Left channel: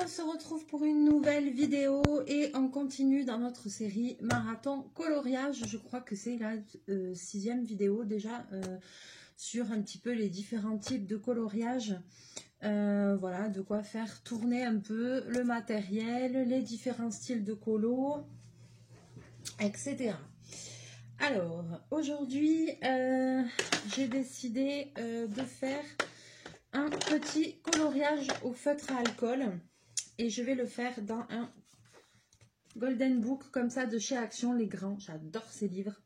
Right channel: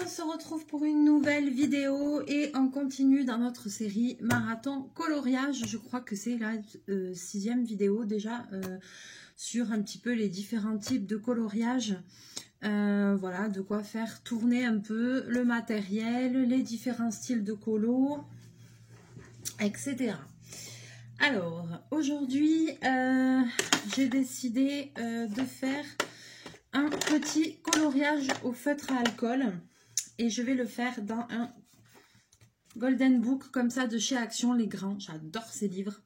on se retrouve pour une nouvelle vidéo et on continue dans notre série Marathon Coloriage. Je crois que c'est la 6e vidéo déjà sur un petit peu les différents types de coloriage. Voilà, de quoi faire tourner un peu le matériel, les différents styles de colo, etc. Alors, aujourd'hui, j'ai décidé de faire un petit coloriage au feutre à alcool et je vais le faire dans un Golden Book comme ça de chez Action les Grands. J'adore ces livres.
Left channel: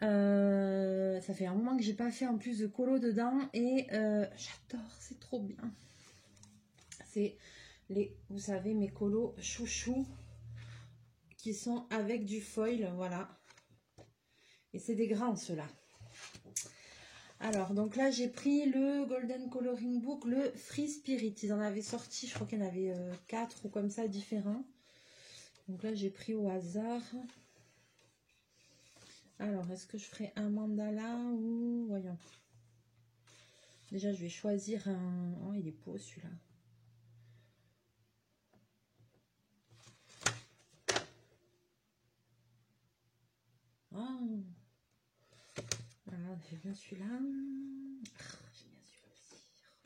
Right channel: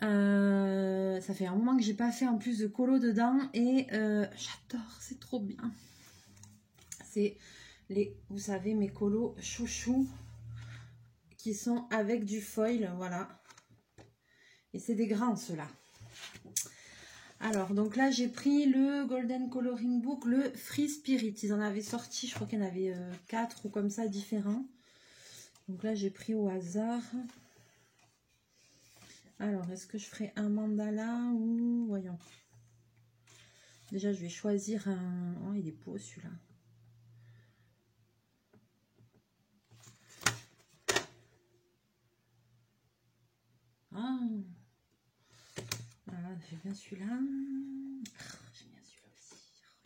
Ça fait un moment que j'ai pas fait en plus de colo dedans et j'adore, c'est trop bien. C'est les, vous savez, mes colos chouchous qui sont avec du foil, voilà. Et c'est des grands ceux-là. Alors, donc là, j'ai pris le Golden Coloring Book, le Free Spirit. Ils en avaient sorti, je crois qu'il y en avait 4 ou comme ça, différents. Donc là, j'ai pris au hasard. Alors, est-ce que je ferai un mandala ou... Voyons. Déjà, je vais choisir un... Oh, il est beau, celui-là. Ah, voilà, j'ai bien celui-là. J'aime bien celui-là aussi.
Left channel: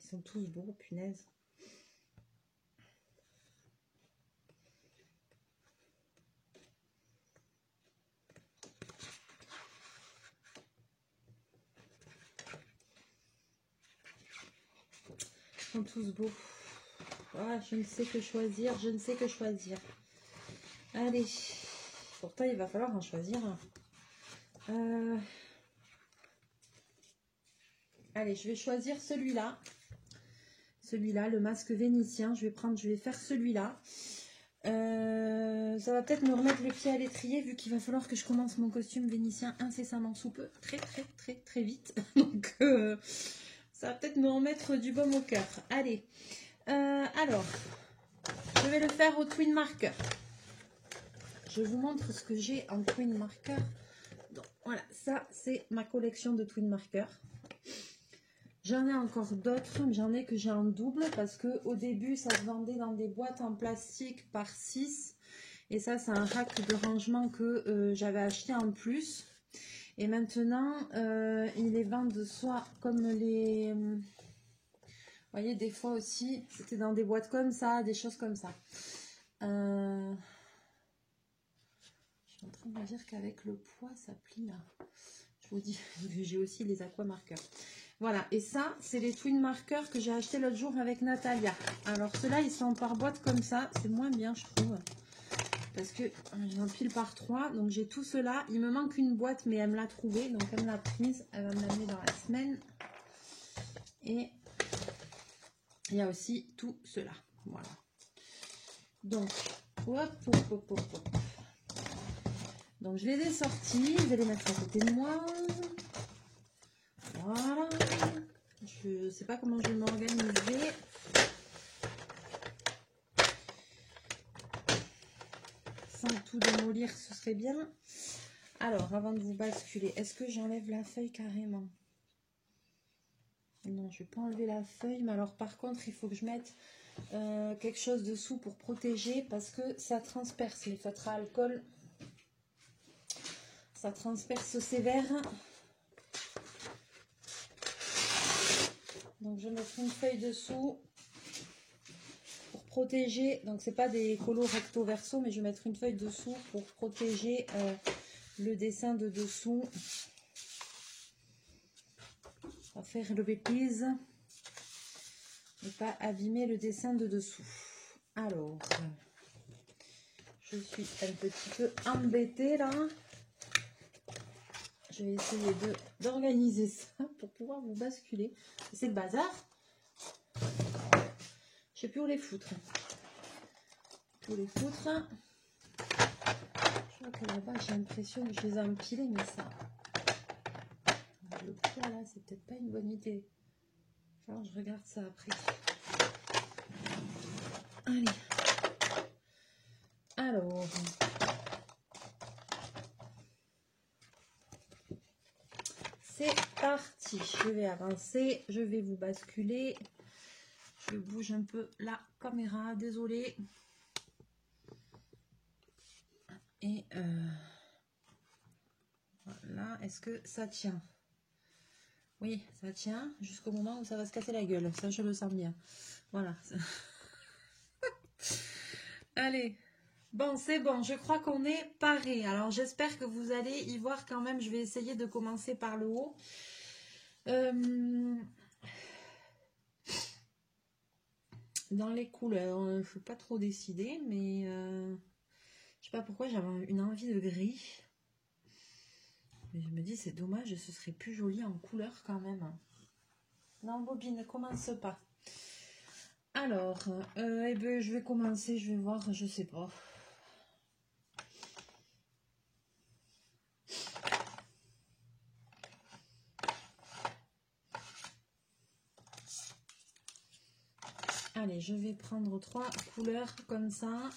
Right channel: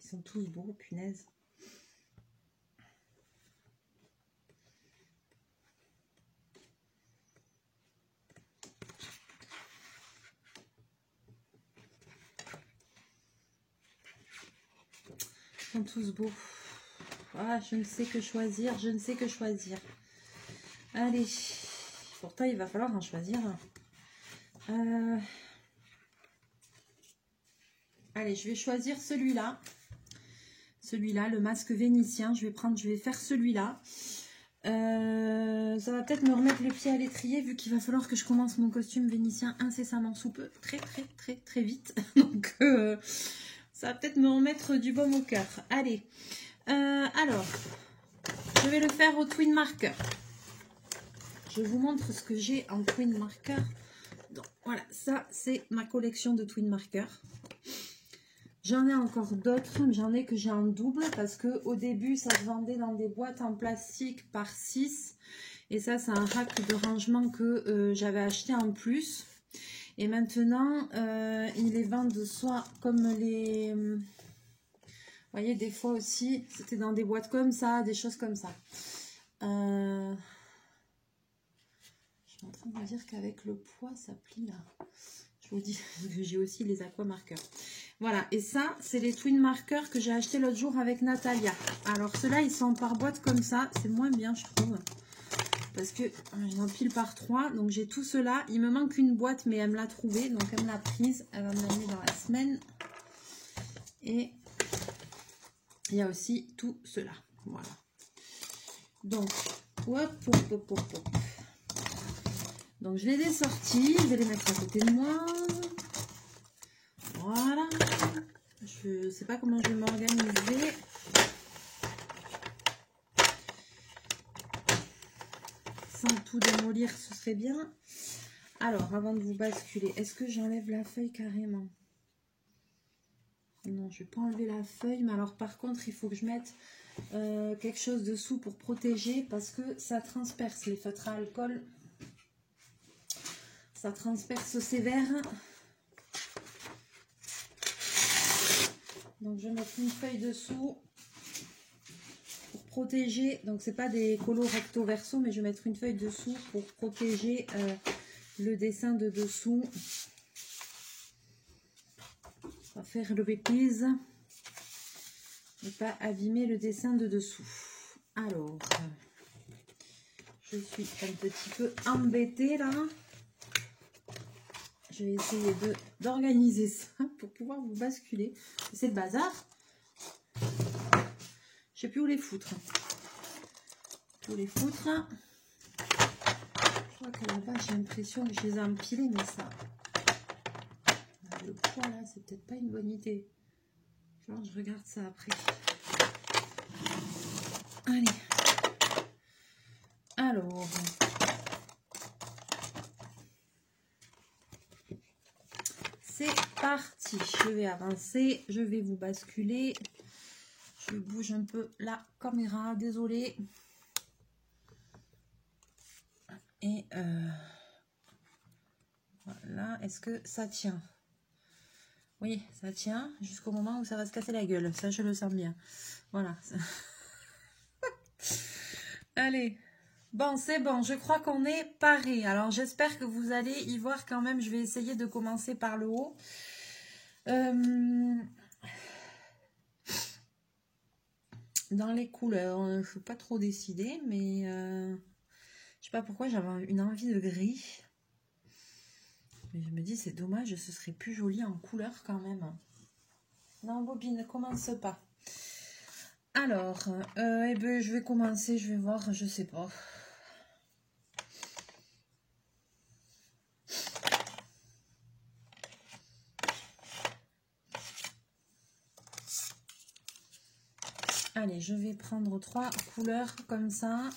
Ils sont tous beaux, punaise. Ils sont tous beaux. Ah, je ne sais que choisir, je ne sais que choisir. Allez, pourtant il va falloir en choisir un. Allez, je vais choisir celui-là. Celui-là, le masque vénitien. Je vais faire celui-là. Ça va peut-être me remettre les pieds à l'étrier vu qu'il va falloir que je commence mon costume vénitien incessamment sous peu. Très vite. Donc, ça va peut-être me remettre du baume au cœur. Allez. Alors, je vais le faire au Twin Marker. Je vous montre ce que j'ai en Twin Marker. Donc, voilà, ça, c'est ma collection de Twin Marker. J'en ai encore d'autres, mais j'en ai que j'ai en double parce que au début, ça se vendait dans des boîtes en plastique par 6. Et ça, c'est un rack de rangement que j'avais acheté en plus. Et maintenant, ils les vendent soit comme les... vous voyez, des fois aussi, c'était dans des boîtes comme ça, des choses comme ça. Je suis en train de me dire qu'avec le poids, ça plie là. Je vous dis, j'ai aussi les aqua marqueurs. Voilà, et ça, c'est les Twin Markers que j'ai acheté l'autre jour avec Natalia. Alors, ceux-là, ils sont par boîte comme ça. C'est moins bien, je trouve. Parce que j'en pile par 3. Donc, j'ai tout cela. Il me manque une boîte, mais elle me l'a trouvée. Donc, elle me l'a prise. Elle va me l'amener dans la semaine. Et il y a aussi tout cela. Voilà. Donc, hop. Donc, je les ai sortis. Je vais les mettre à côté de moi. Voilà. Je ne sais pas comment je vais m'organiser. Sans tout démolir, ce serait bien. Alors, avant de vous basculer, est-ce que j'enlève la feuille carrément? Non, je ne vais pas enlever la feuille. Mais alors, par contre, il faut que je mette quelque chose dessous pour protéger parce que ça transperce les feutres à alcool. Ça transperce sévère. Donc, je vais mettre une feuille dessous pour protéger. Donc, c'est pas des colos recto verso, mais je vais mettre une feuille dessous pour protéger le dessin de dessous. On va faire le replies et pas abîmer le dessin de dessous. Alors, je suis un petit peu embêtée là. Je vais essayer d'organiser ça pour pouvoir vous basculer. C'est le bazar. Je sais plus où les foutre. Je crois qu'à la base, j'ai l'impression que je les ai empilés, mais ça... Le poids là, c'est peut-être pas une bonne idée. Alors, je regarde ça après. Allez. Alors... C'est parti. Je vais avancer. Je vais vous basculer. Je bouge un peu la caméra, désolée. Et voilà, est-ce que ça tient? Oui, ça tient jusqu'au moment où ça va se casser la gueule. Ça, je le sens bien. Voilà. Allez. Bon, c'est bon. Je crois qu'on est paré. Alors, j'espère que vous allez y voir quand même. Je vais essayer de commencer par le haut. Dans les couleurs, je ne suis pas trop décidée, mais je sais pas pourquoi j'avais une envie de gris. Mais je me dis, c'est dommage, ce serait plus joli en couleur quand même. Non, bobine, ne commence pas. Alors, eh ben, je vais commencer, je vais voir, je sais pas. Allez, je vais prendre 3 couleurs comme ça.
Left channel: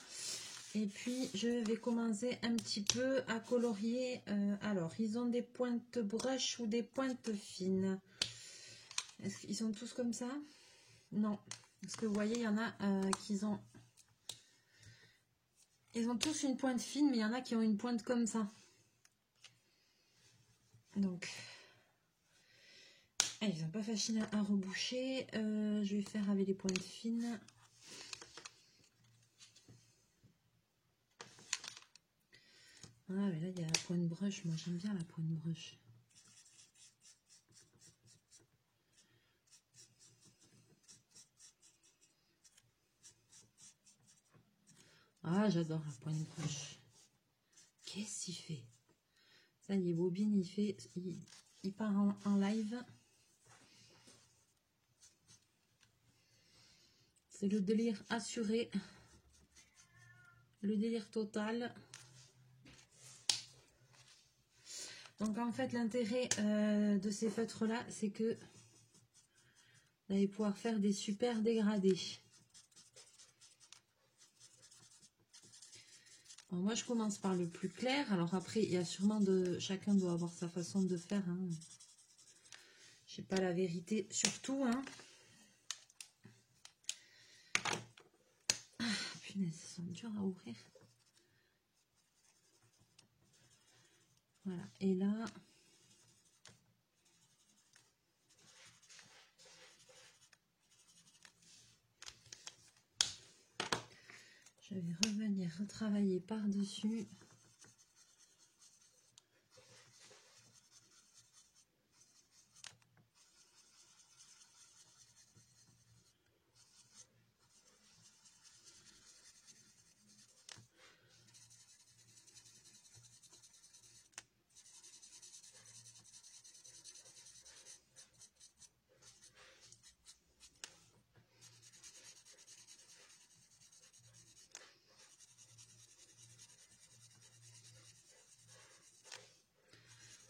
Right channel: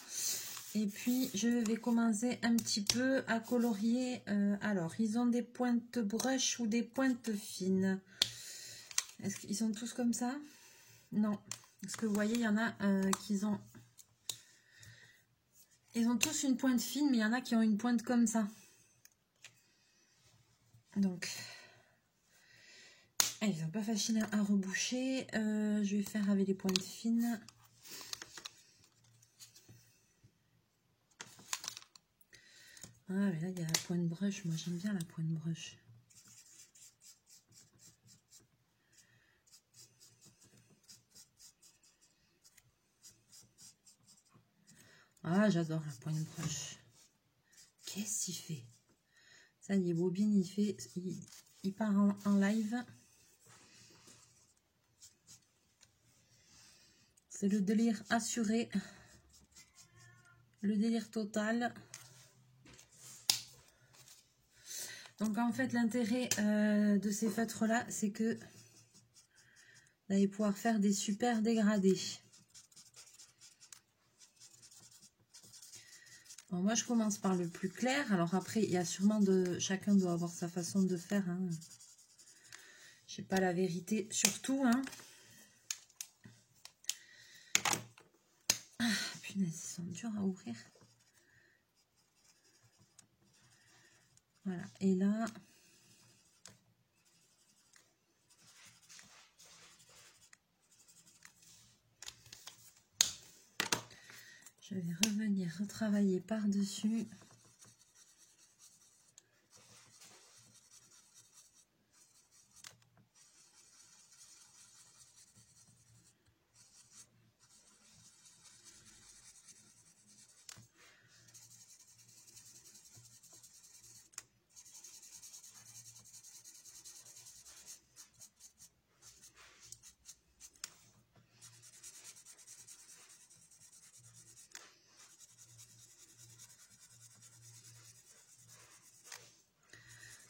Et puis, je vais commencer un petit peu à colorier. Alors, ils ont des pointes brush ou des pointes fines. Est-ce qu'ils sont tous comme ça? Non. Parce que vous voyez, il y en a qui ont... Ils ont tous une pointe fine, mais il y en a qui ont une pointe comme ça. Donc, ils sont pas faciles à reboucher. Je vais faire avec les pointes fines. Ah, mais là, il y a la pointe brush. Moi, j'aime bien la pointe brush. Ah, j'adore la pointe brush. Qu'est-ce qu'il fait? Ça y est, Bobine, il part en live. C'est le délire assuré. Le délire total. Donc, en fait, l'intérêt de ces feutres-là, c'est que vous allez pouvoir faire des super dégradés. Alors moi, je commence par le plus clair. Alors après, il y a sûrement chacun doit avoir sa façon de faire. Hein. Je sais pas la vérité surtout. Hein. Ah, punaise, ils sont durs à ouvrir. Voilà. Et là, je vais revenir retravailler par-dessus.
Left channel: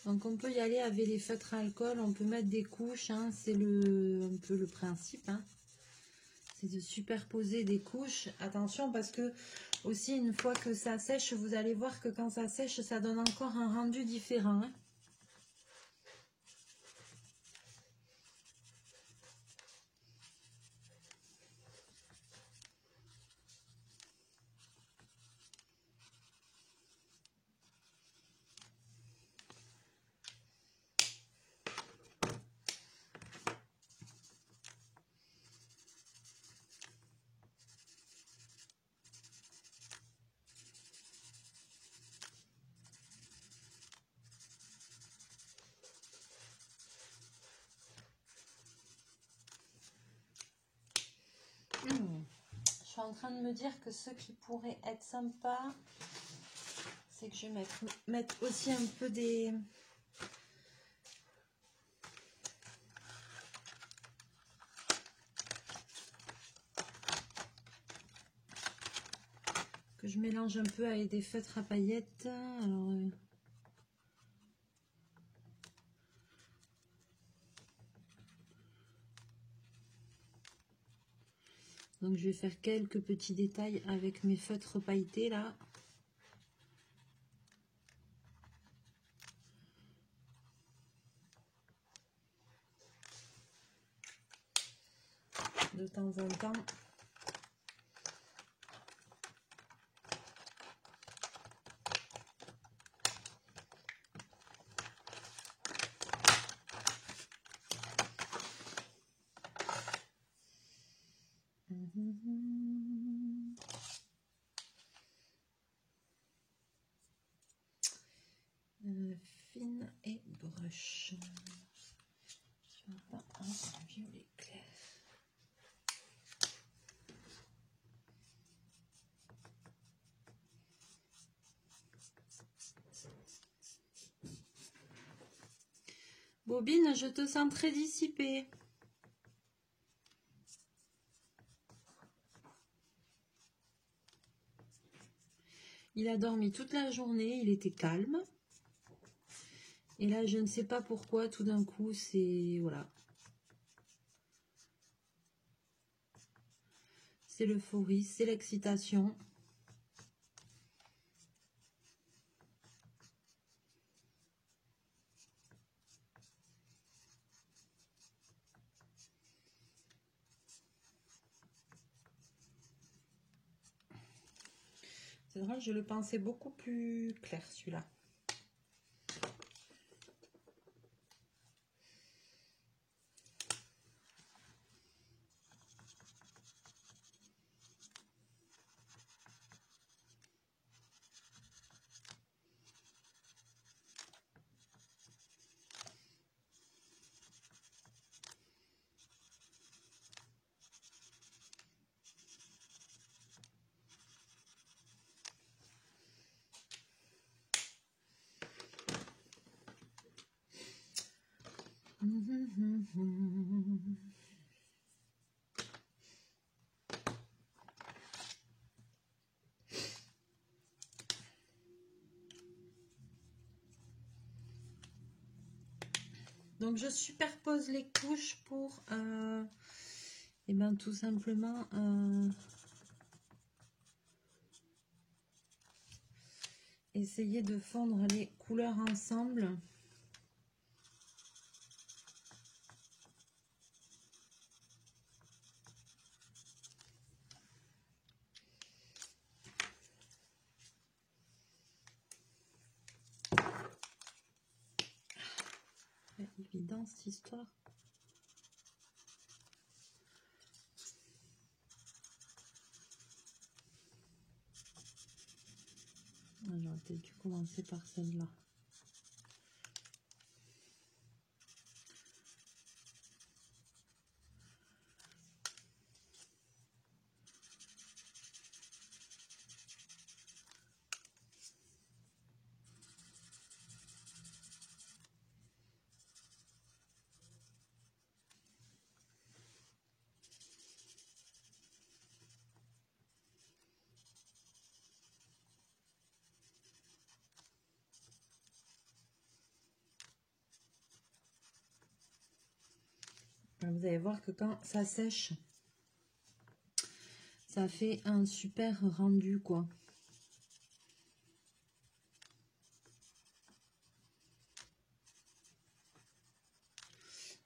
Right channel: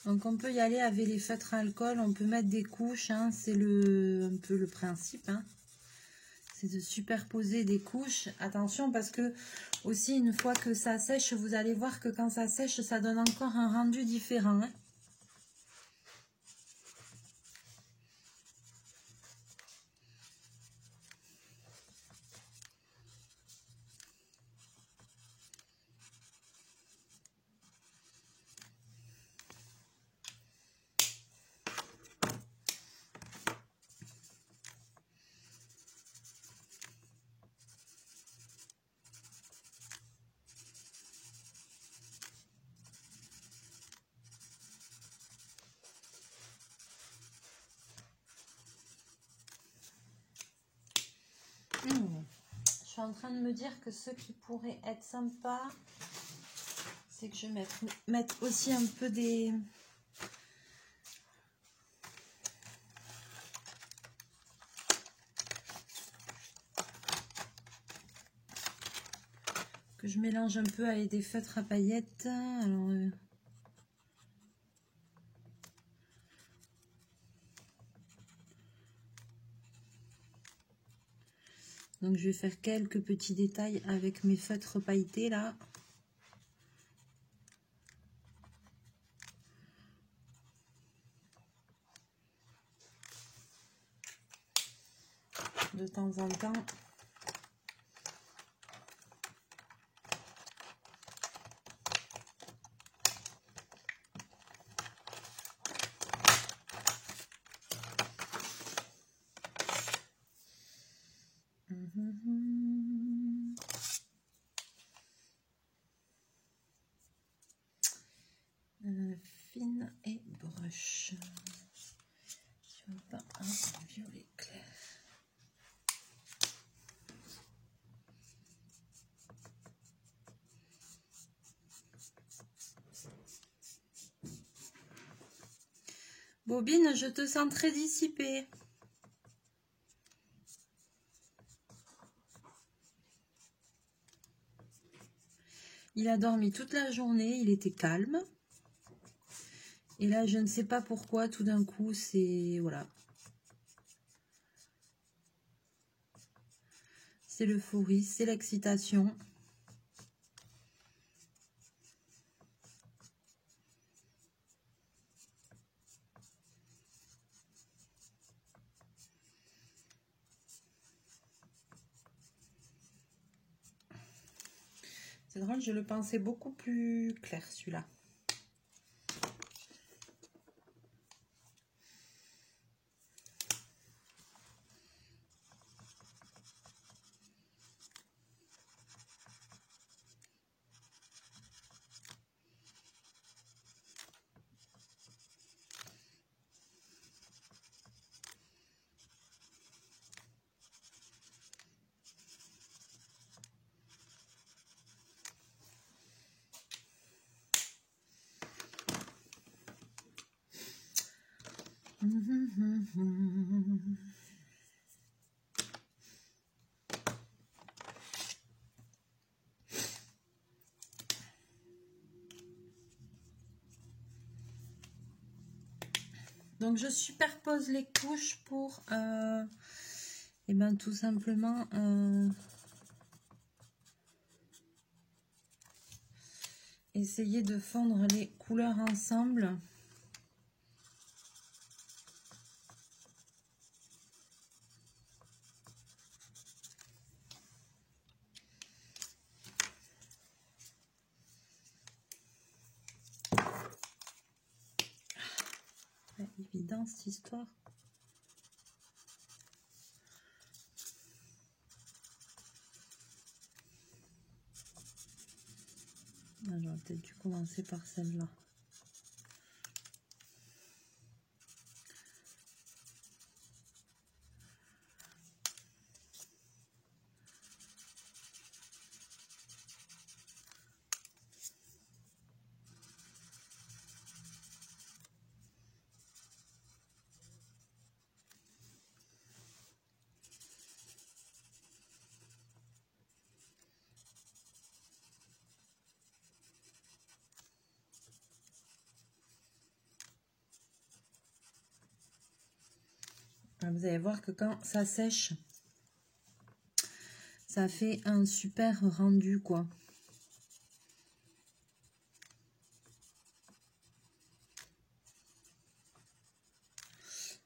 Donc on peut y aller avec les feutres alcool, on peut mettre des couches, hein, c'est un peu le principe. Hein. C'est de superposer des couches. Attention parce que aussi une fois que ça sèche, vous allez voir que quand ça sèche, ça donne encore un rendu différent. Hein. Je suis en train de me dire que ce qui pourrait être sympa, c'est que je vais mettre aussi un peu des... Que je mélange un peu avec des feutres à paillettes. Alors, donc je vais faire quelques petits détails avec mes feutres pailletés là. De temps temps en temps. Fine et brush. Je veux pas un violet clair. Bobine, je te sens très dissipée. Il a dormi toute la journée, il était calme. Et là, je ne sais pas pourquoi, tout d'un coup, c'est... Voilà. C'est l'euphorie, c'est l'excitation. C'est drôle, je le pensais beaucoup plus clair, celui-là. Donc je superpose les couches pour et ben tout simplement essayer de fondre les couleurs ensemble. Évident cette histoire. J'aurais peut-être dû commencer par celle-là. Vous allez voir que quand ça sèche, ça fait un super rendu, quoi.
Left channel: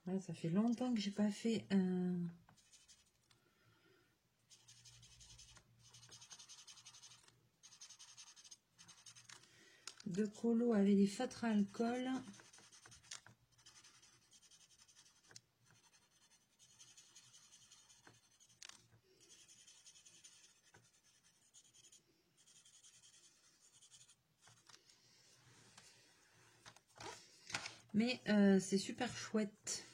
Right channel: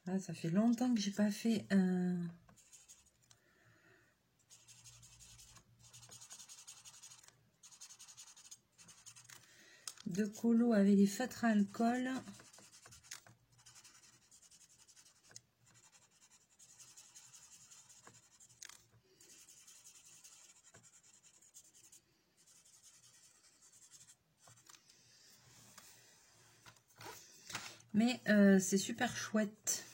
Ah, ça fait longtemps que j'ai pas fait de colo avec des feutres à alcool. Mais c'est super chouette.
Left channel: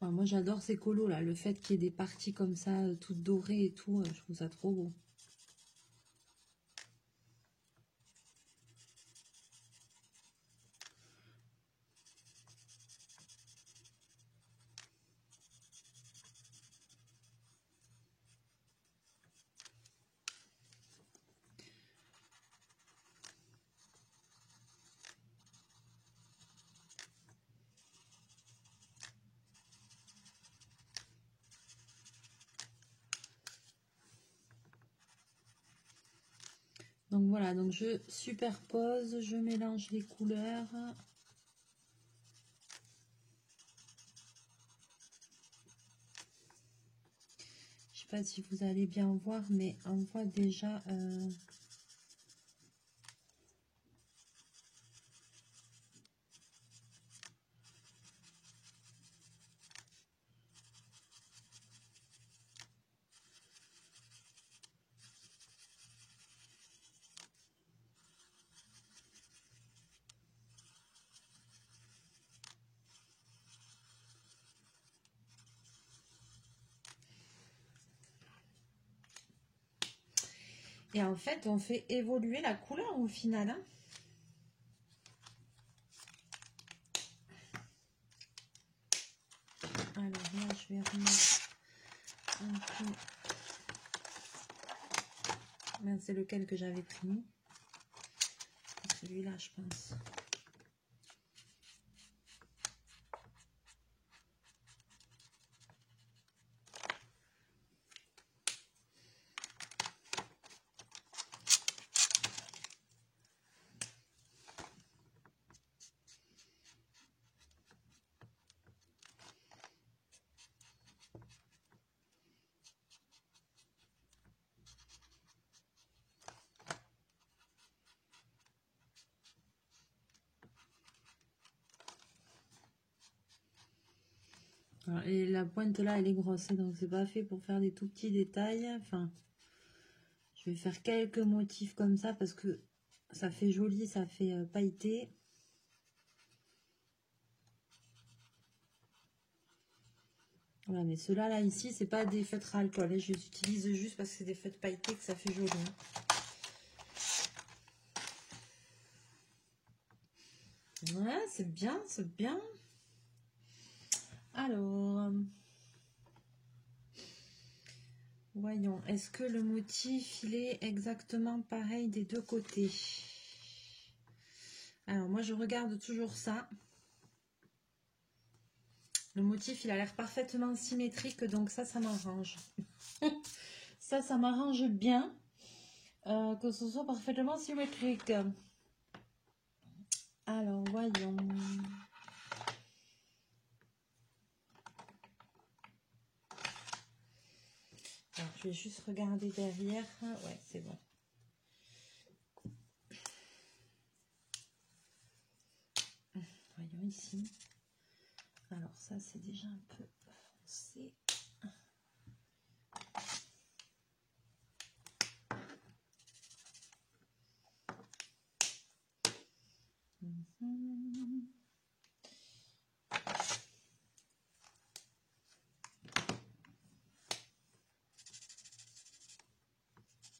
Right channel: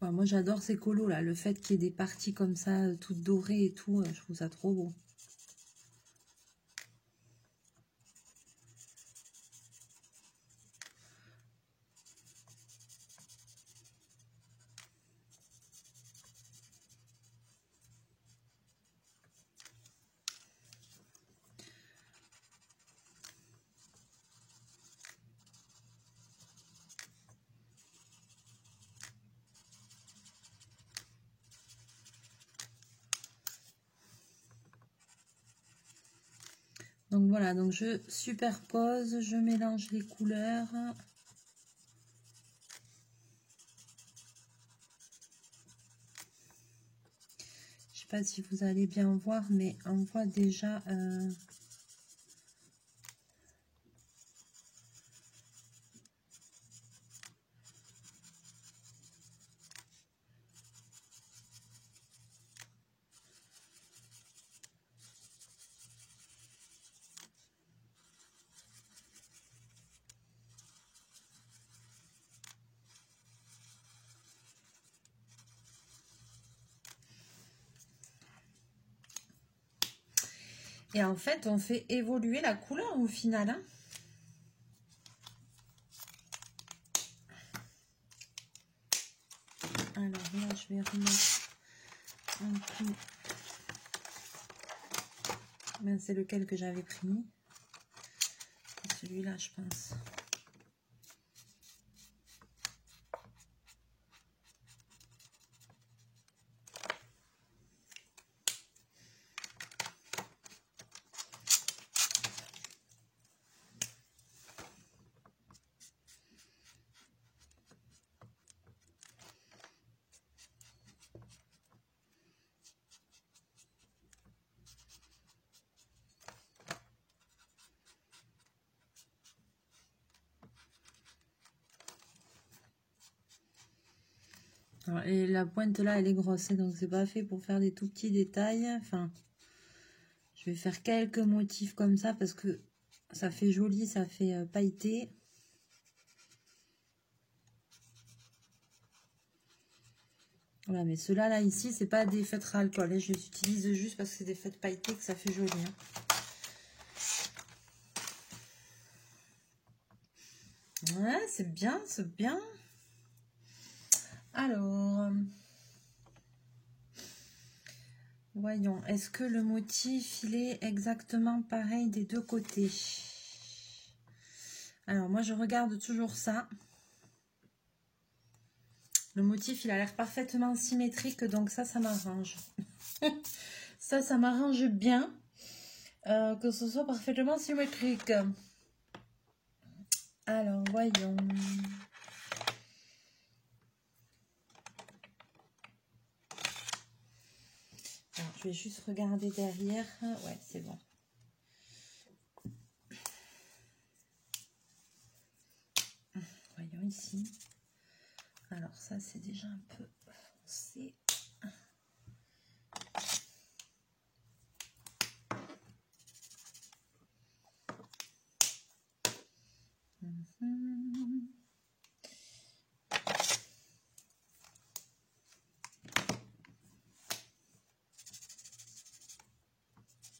Ouais, moi j'adore ces colos là, le fait qu'il y ait des parties comme ça, toutes dorées et tout, je trouve ça trop beau. Donc voilà, donc je superpose, je mélange les couleurs. Je sais pas si vous allez bien voir, mais on voit déjà et en fait, on fait évoluer la couleur au final. Hein. Alors là, je vais remettre un peu. C'est lequel que j'avais pris. Celui-là, je pense. Alors, et la pointe là, elle est grosse, hein, donc c'est pas fait pour faire des tout petits détails. Enfin, je vais faire quelques motifs comme ça parce que ça fait joli, ça fait pailleté. Voilà, mais ceux-là, là, ici, c'est pas des feutres à alcool. Hein, je les utilise juste parce que c'est des feutres pailletés que ça fait joli. Hein. Ouais, c'est bien, c'est bien. Alors, voyons, est-ce que le motif, il est exactement pareil des deux côtés? Alors, moi, je regarde toujours ça. Le motif, il a l'air parfaitement symétrique, donc ça m'arrange. Ça m'arrange bien que ce soit parfaitement symétrique. Alors, voyons. Alors, je vais juste regarder derrière. Ouais, c'est bon. Voyons ici. Alors, ça, c'est déjà un peu foncé.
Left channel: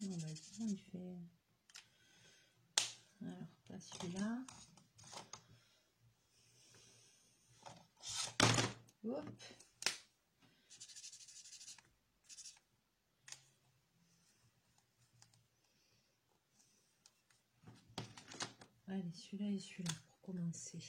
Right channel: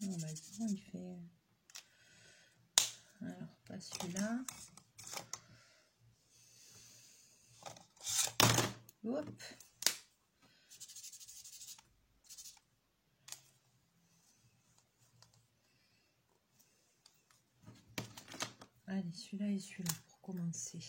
Non, bah, ici, il fait... Alors, pas celui-là. Hop. Allez, celui-là et celui-là pour commencer.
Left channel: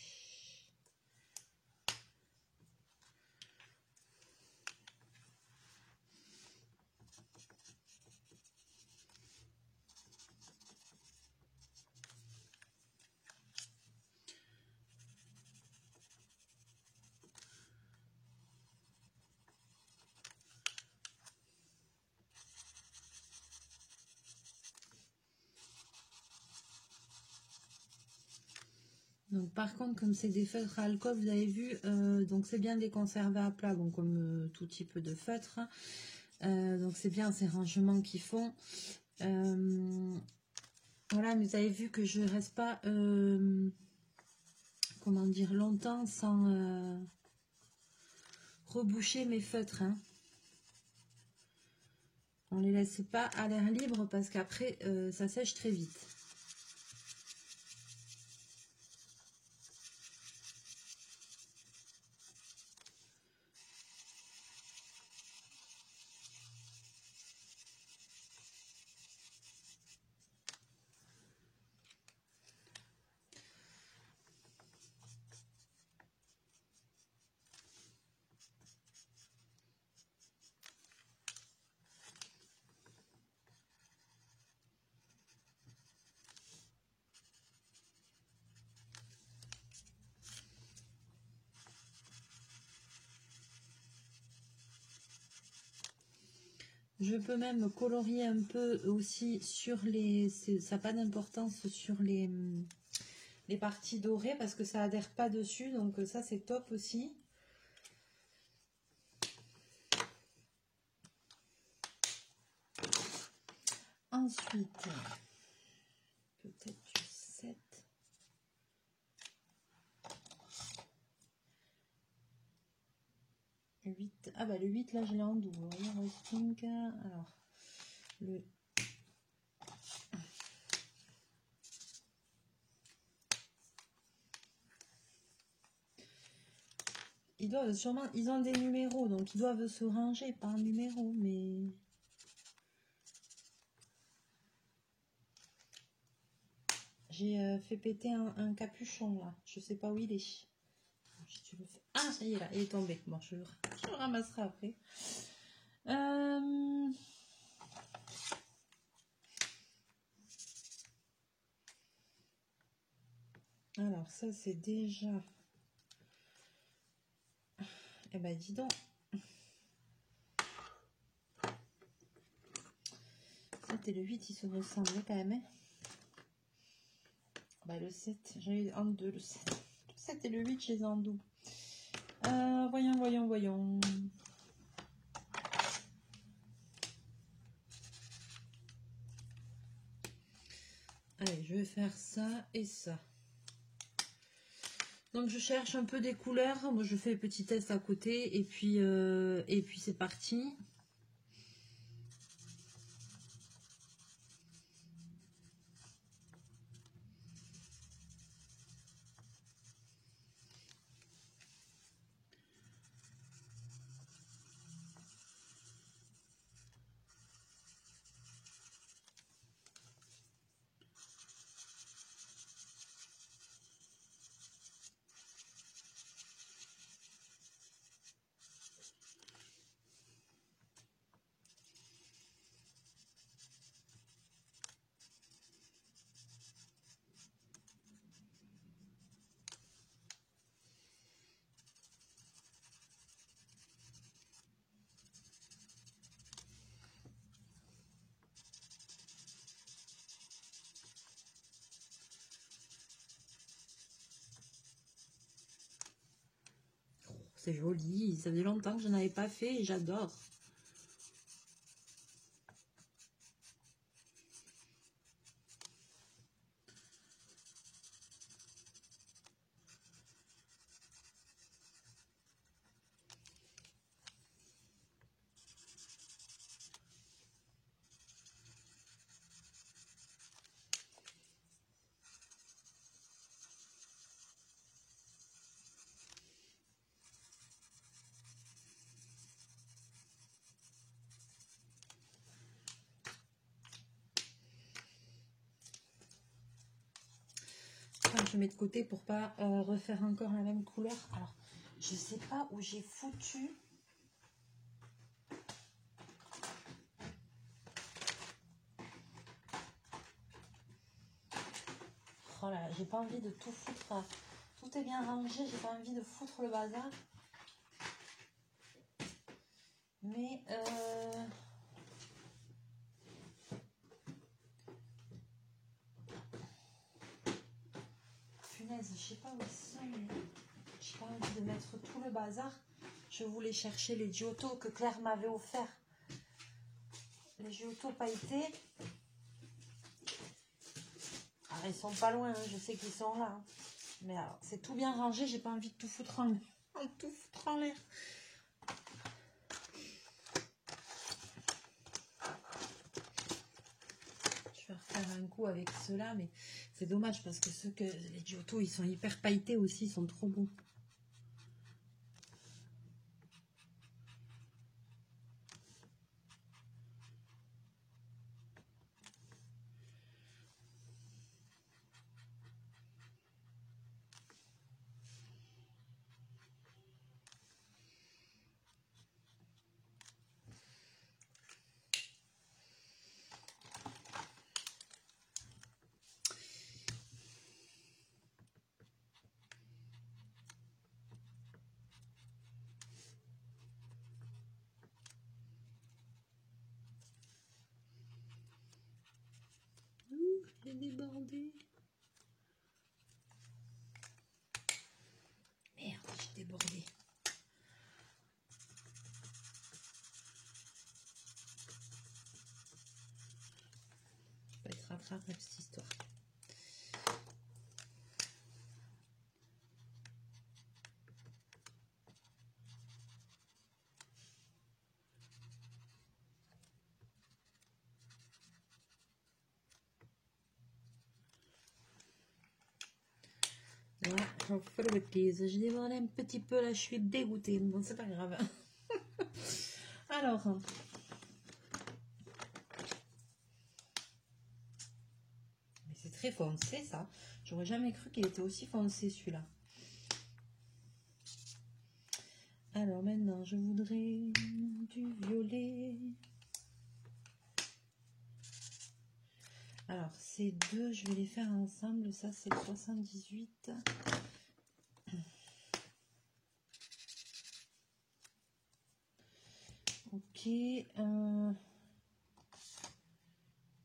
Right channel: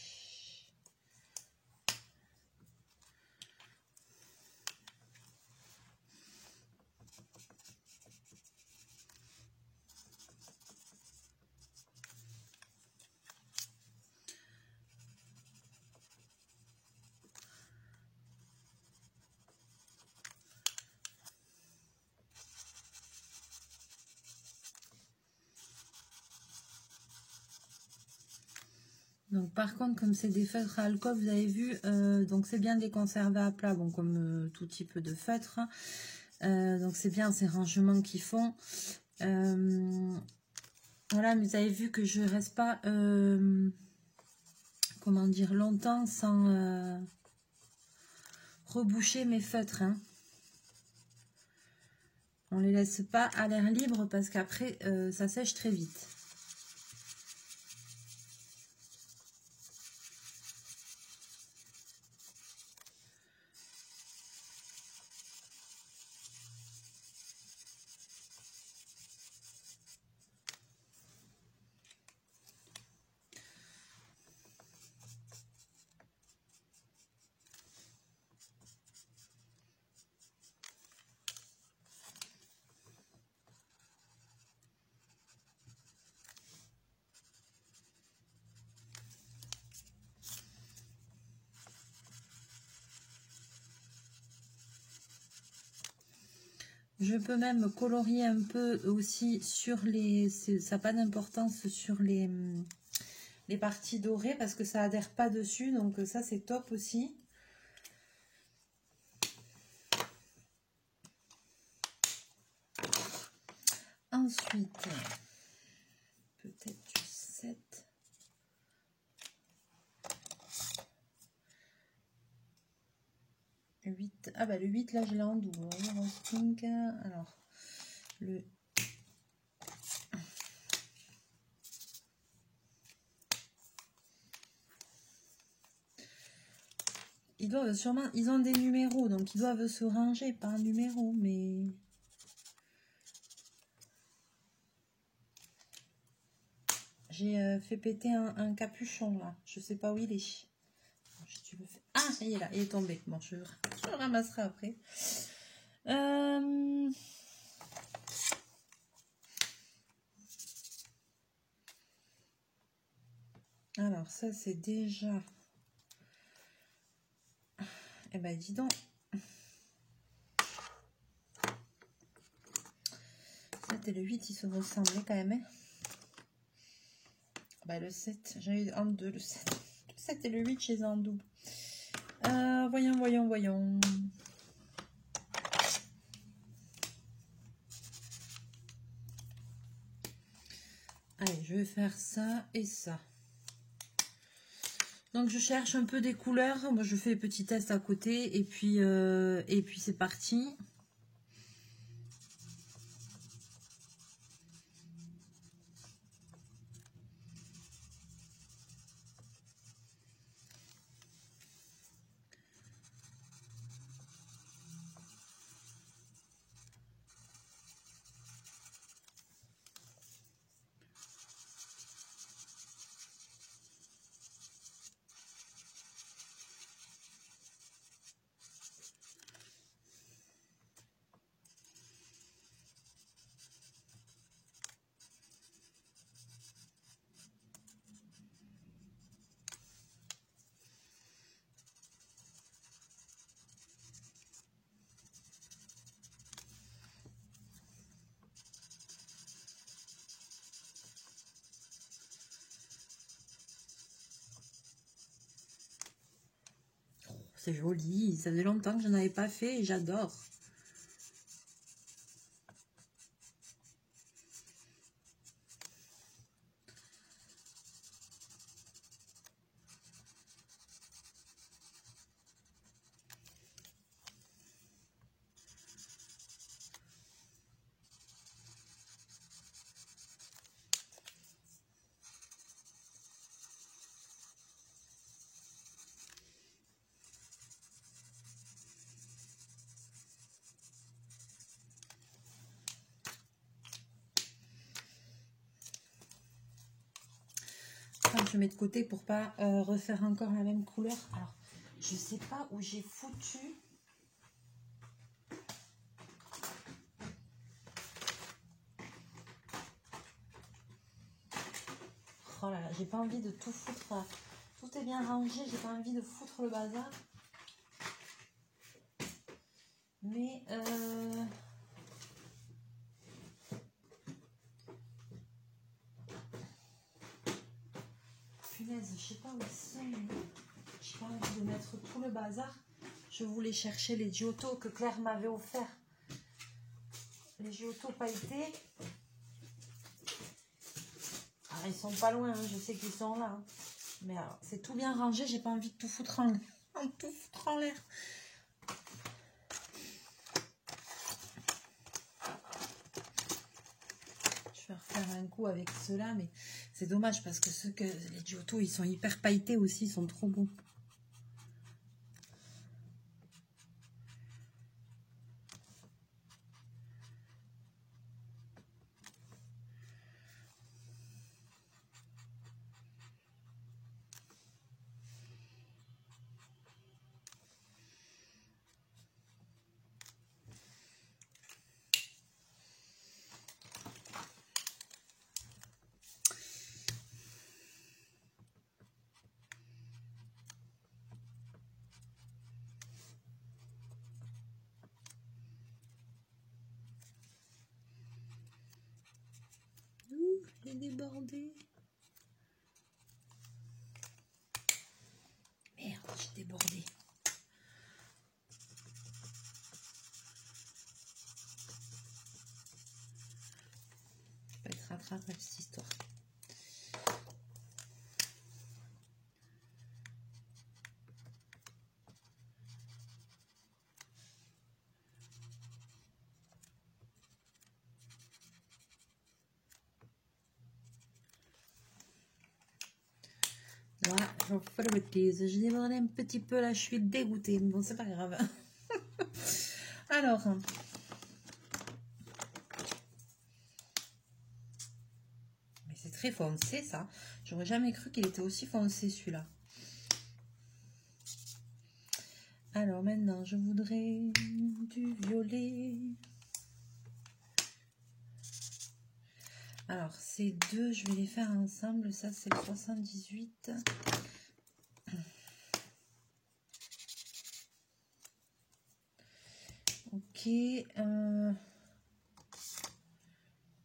Donc par contre, comme c'est des feutres à alcool, vous avez vu, donc c'est bien de les conserver à plat, bon, comme tout type de feutre. Donc c'est bien ces rangements qu'ils font. Voilà, mais vous avez vu que je reste pas, comment dire, longtemps sans reboucher mes feutres. Hein. On les laisse pas à l'air libre parce qu'après ça sèche très vite. Je peux même colorier un peu aussi sur les... Ça n'a pas d'importance sur les parties dorées parce que ça adhère pas dessus. Donc ça, c'est top aussi. Ensuite, peut-être du 7. Le 8. Ah bah le 8 là je l'ai en double. Rose pink. Alors le ils doivent sûrement, ils ont des numéros donc ils doivent se ranger par numéro, mais j'ai fait péter un capuchon là. Je sais pas où il est. Tu le fais. Ah, ça y est là, il est tombé. Bon, je le ramasserai après. Alors, ça, c'est déjà... Eh ben, dis donc. 7 et le 8, ils se ressemblaient quand même. Hein. Bah, le 7, j'ai eu en deux le 7. Le 7 et le 8, je les ai en double. Voyons. Allez, je vais faire ça et ça. Donc, je cherche un peu des couleurs. Moi, je fais les petits tests à côté. Et puis c'est parti. C'est joli, ça faisait longtemps que je n'en avais pas fait et j'adore. Je mets de côté pour pas refaire encore la même couleur. Alors, je sais pas où j'ai foutu. Oh là là, j'ai pas envie de tout foutre. Tout est bien rangé, j'ai pas envie de foutre le bazar. Mais punaise, je sais pas où c'est. J'ai pas envie de mettre tout le bazar. Je voulais chercher les Giotto que Claire m'avait offert. Les Giotto pailletés. Alors, ils sont pas loin, hein, je sais qu'ils sont là. Hein. Mais c'est tout bien rangé, j'ai pas envie de tout foutre en l'air. Je vais refaire un coup avec ceux-là, mais c'est dommage parce que les Giotto, ils sont hyper pailletés aussi, ils sont trop beaux. bref, cette histoire. Voilà, j'en fais le bêtise. J'ai débordé un petit peu là, je suis dégoûtée. Bon, c'est pas grave. Alors, mais c'est très foncé ça. J'aurais jamais cru qu'il était aussi foncé celui-là. Alors maintenant, je voudrais du violet. Alors, ces deux, je vais les faire ensemble. Ça, c'est le 78. Ok.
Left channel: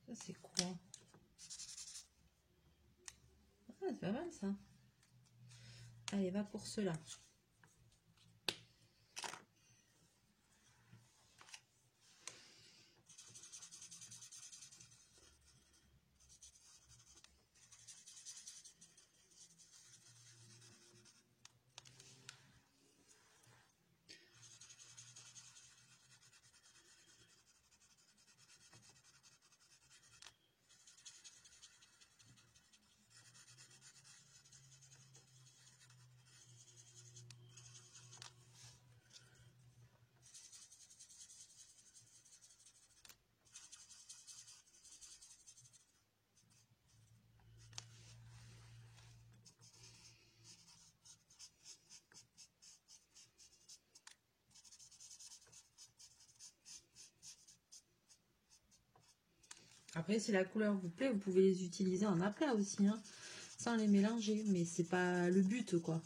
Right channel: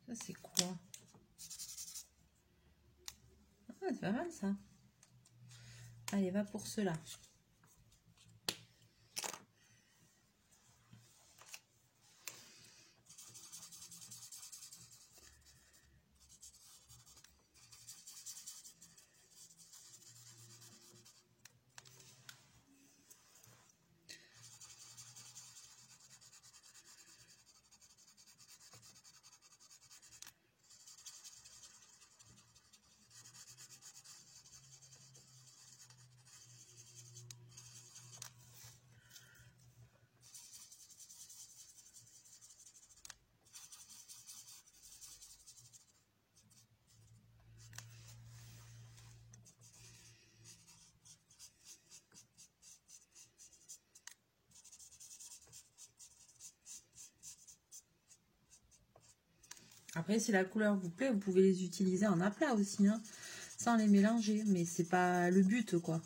Ça, c'est quoi? Ah, c'est pas mal, ça. Allez, va pour cela. Après, si la couleur vous plaît, vous pouvez les utiliser en aplat aussi, hein, sans les mélanger. Mais c'est pas le but, quoi.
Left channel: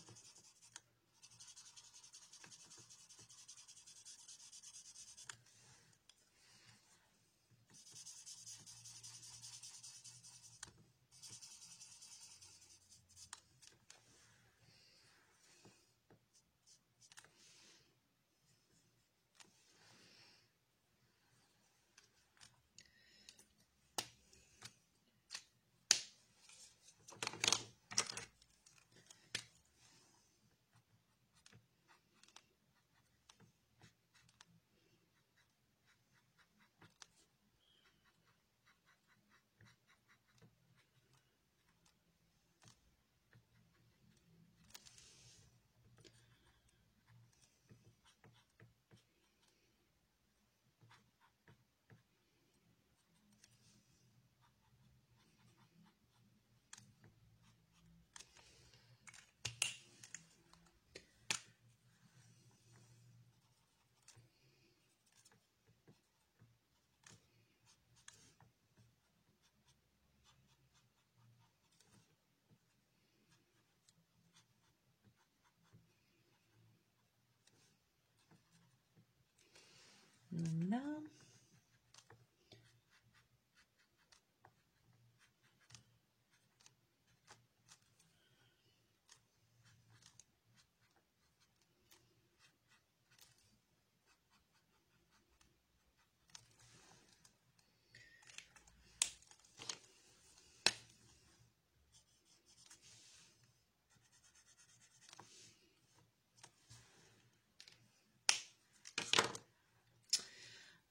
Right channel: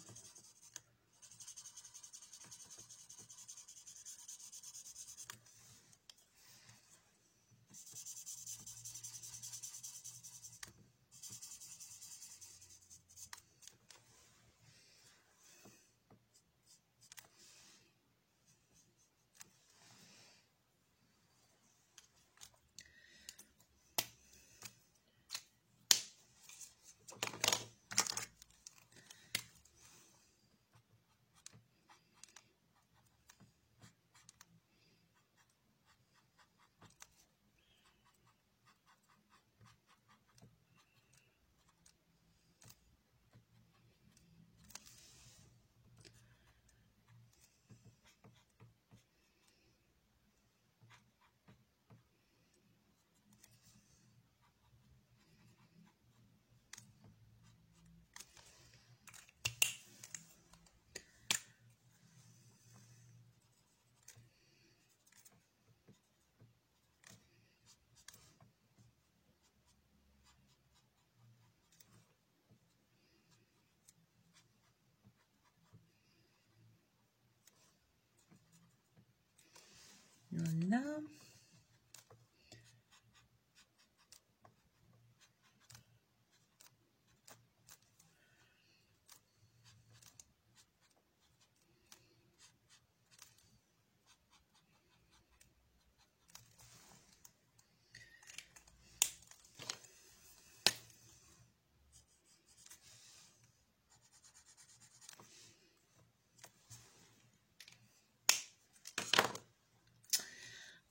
Voilà.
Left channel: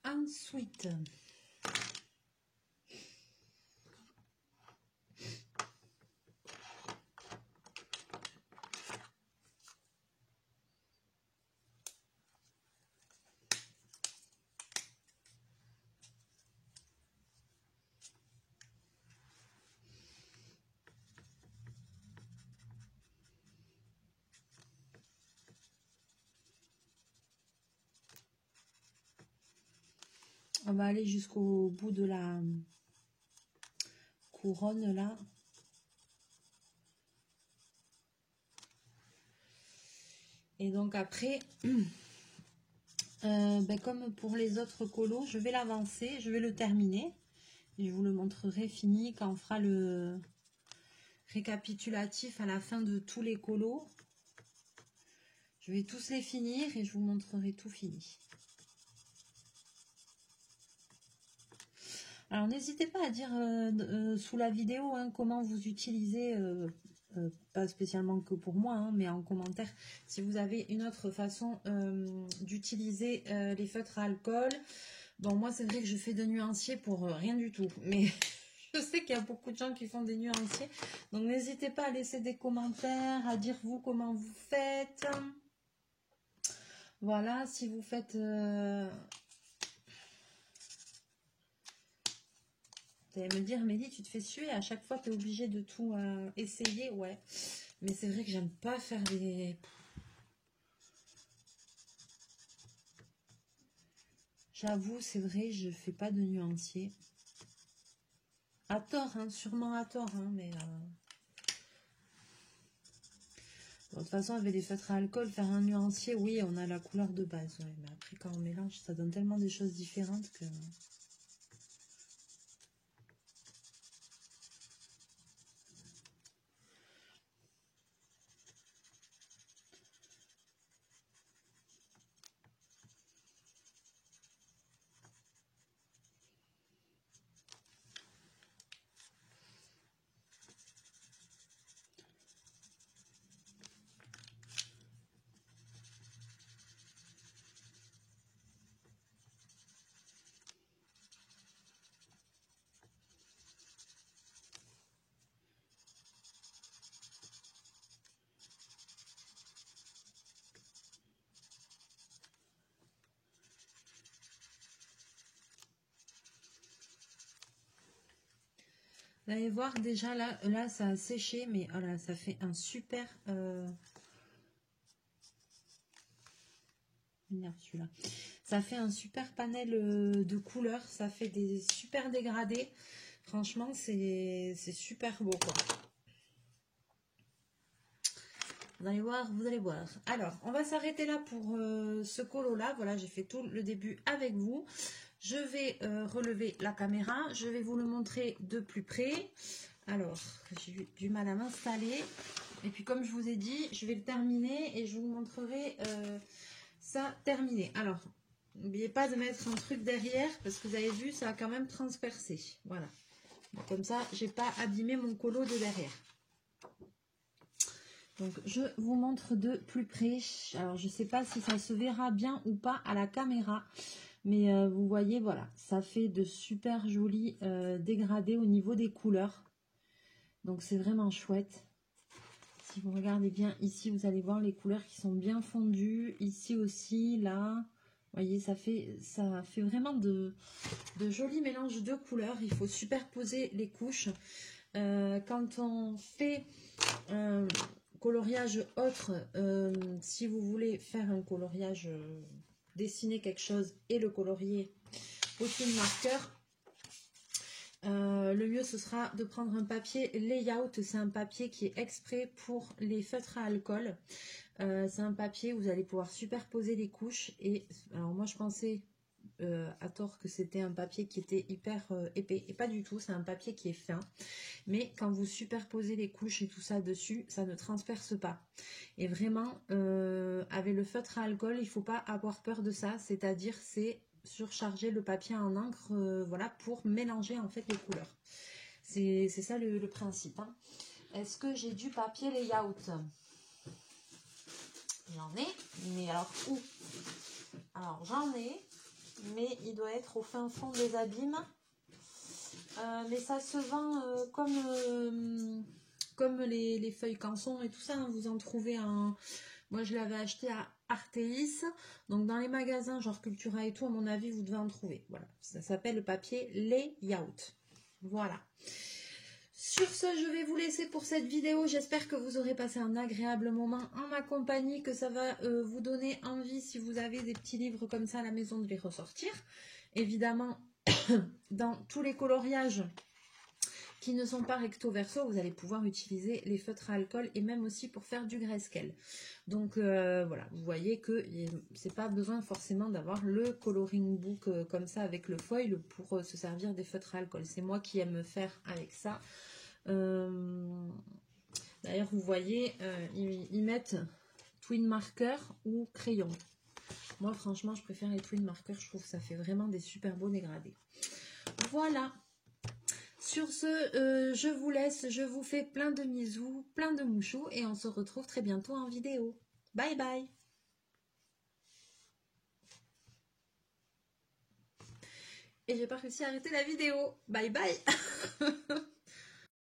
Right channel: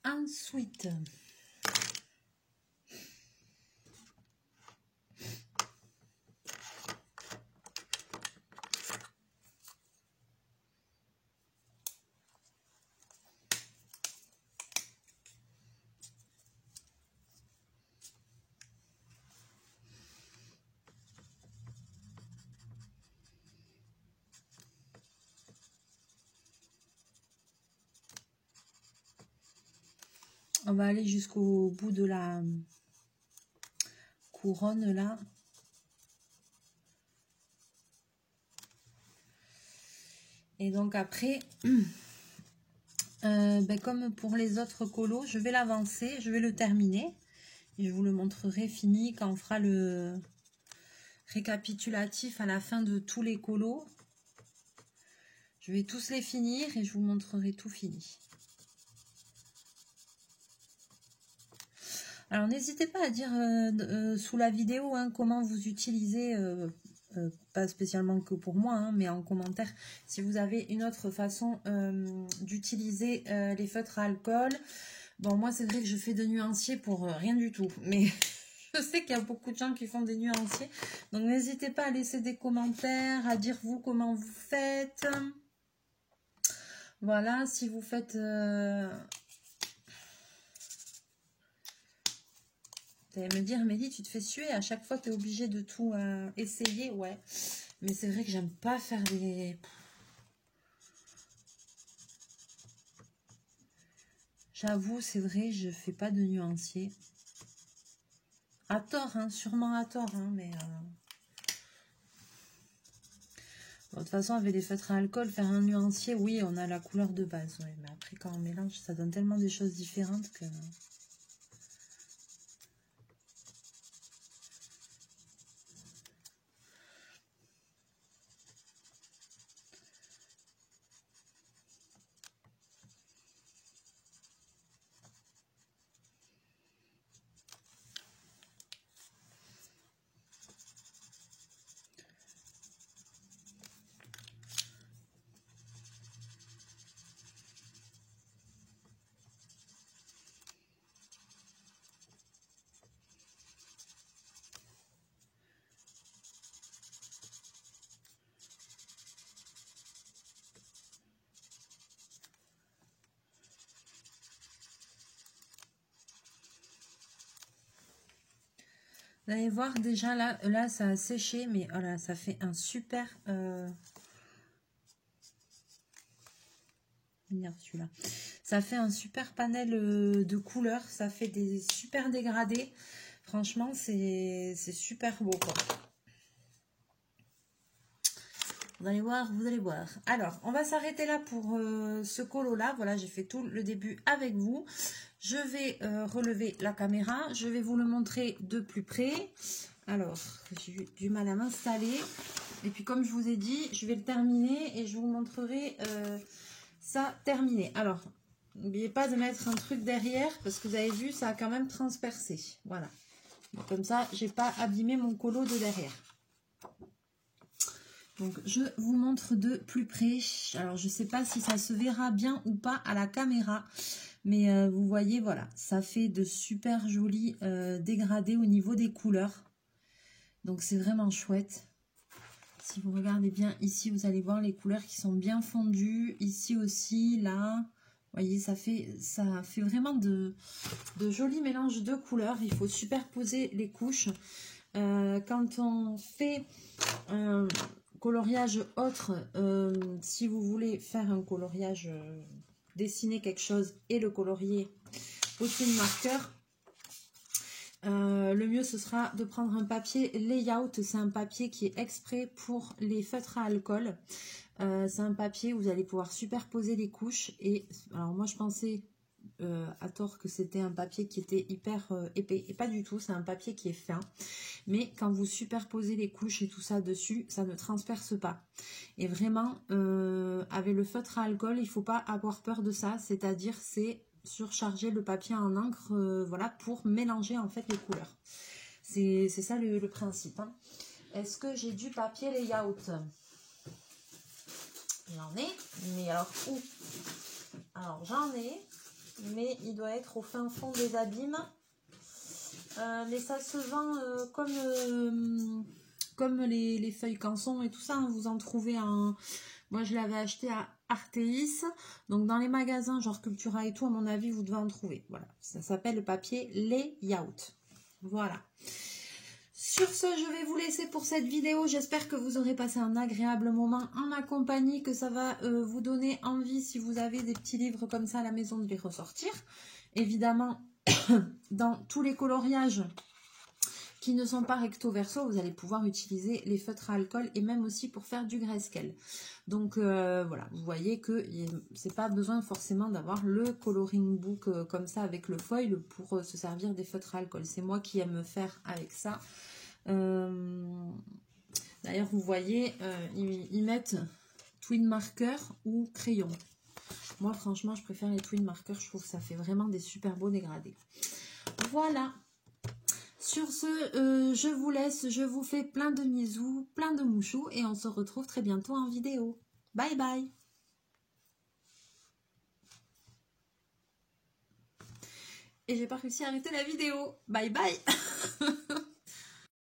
Ensuite, on va aller jusqu'au bout de la couronne là. Et donc après, ben comme pour les autres colos, je vais l'avancer, je vais le terminer. Et je vous le montrerai fini quand on fera le récapitulatif à la fin de tous les colos. Je vais tous les finir et je vous montrerai tout fini. Alors, n'hésitez pas à dire sous la vidéo hein, comment vous utilisez, pas spécialement que pour moi, hein, mais en commentaire, si vous avez une autre façon d'utiliser les feutres à alcool. Bon, moi, c'est vrai que je fais de nuanciers pour rien du tout, mais je sais qu'il y a beaucoup de gens qui font des nuanciers. Donc, n'hésitez pas à laisser des commentaires, à dire vous comment vous faites. Voilà, si vous faites... Vous allez me dire, Mélie, tu te fais suer, à chaque fois tu es obligée de tout essayer. Ouais, mais c'est vrai que j'aime pas faire des... J'avoue, c'est vrai, je fais pas de nuancier. À tort, hein, sûrement à tort, hein, mais... Bon, de toute façon, avec les feutres à alcool, faire un nuancier, oui, on a la couleur de base. Ouais, mais après, quand on mélange, ça donne tellement des choses différentes que... Vous allez voir déjà là ça a séché, mais voilà, ça fait un super... celui-là. Ça fait un super panel de couleurs, ça fait des super dégradés. Franchement, c'est super beau, quoi. Vous allez voir, vous allez voir. Alors, on va s'arrêter là pour ce colo-là. Voilà, j'ai fait tout le début avec vous. Je vais relever la caméra. Je vais vous le montrer de plus près. Alors, j'ai eu du mal à m'installer. Et puis, comme je vous ai dit, je vais le terminer et je vous montrerai ça terminé. Alors, n'oubliez pas de mettre un truc derrière parce que vous avez vu, ça a quand même transpercé. Voilà. Donc, comme ça, j'ai pas abîmé mon colo de derrière. Donc, je vous montre de plus près. Alors, je ne sais pas si ça se verra bien ou pas à la caméra. Mais vous voyez, voilà, ça fait de super jolis dégradés au niveau des couleurs. Donc, c'est vraiment chouette. Si vous regardez bien ici, vous allez voir les couleurs qui sont bien fondues. Ici aussi, là, vous voyez, ça fait vraiment de jolis mélanges de couleurs. Il faut superposer les couches. Quand on fait un coloriage autre, si vous voulez faire un coloriage, dessiner quelque chose et le colorier au fil marqueur, le mieux ce sera de prendre un papier layout. C'est un papier qui est exprès pour les feutres à alcool. C'est un papier où vous allez pouvoir superposer les couches. Et alors moi je pensais à tort que c'était un papier qui était hyper épais, et pas du tout, c'est un papier qui est fin, mais quand vous superposez les couches et tout ça dessus, ça ne transperce pas. Et vraiment avec le feutre à alcool, il ne faut pas avoir peur de ça, c'est-à-dire c'est surcharger le papier en encre, voilà, pour mélanger en fait les couleurs. C'est ça le principe, hein. Est-ce que j'ai du papier layout? J'en ai, mais alors où? Alors j'en ai, mais il doit être au fin fond des abîmes. Mais ça se vend comme les feuilles canson et tout ça, hein, vous en trouvez en... Moi je l'avais acheté à Artéis, donc dans les magasins genre Cultura et tout, à mon avis vous devez en trouver. Voilà, ça s'appelle le papier layout. Voilà. Sur ce, je vais vous laisser pour cette vidéo. J'espère que vous aurez passé un agréable moment en ma compagnie, que ça va vous donner envie, si vous avez des petits livres comme ça à la maison, de les ressortir. Évidemment, dans tous les coloriages qui ne sont pas recto verso, vous allez pouvoir utiliser les feutres à alcool et même aussi pour faire du grayscale. Donc voilà, vous voyez que c'est pas besoin forcément d'avoir le coloring book comme ça avec le foil pour se servir des feutres à alcool. C'est moi qui aime faire avec ça. D'ailleurs, vous voyez, ils mettent twin marker ou crayon. Moi, franchement, je préfère les twin markers. Je trouve que ça fait vraiment des super beaux dégradés. Voilà. Sur ce, je vous laisse, je vous fais plein de bisous, plein de mouchous et on se retrouve très bientôt en vidéo. Bye bye. Et j'ai pas réussi à arrêter la vidéo. Bye bye.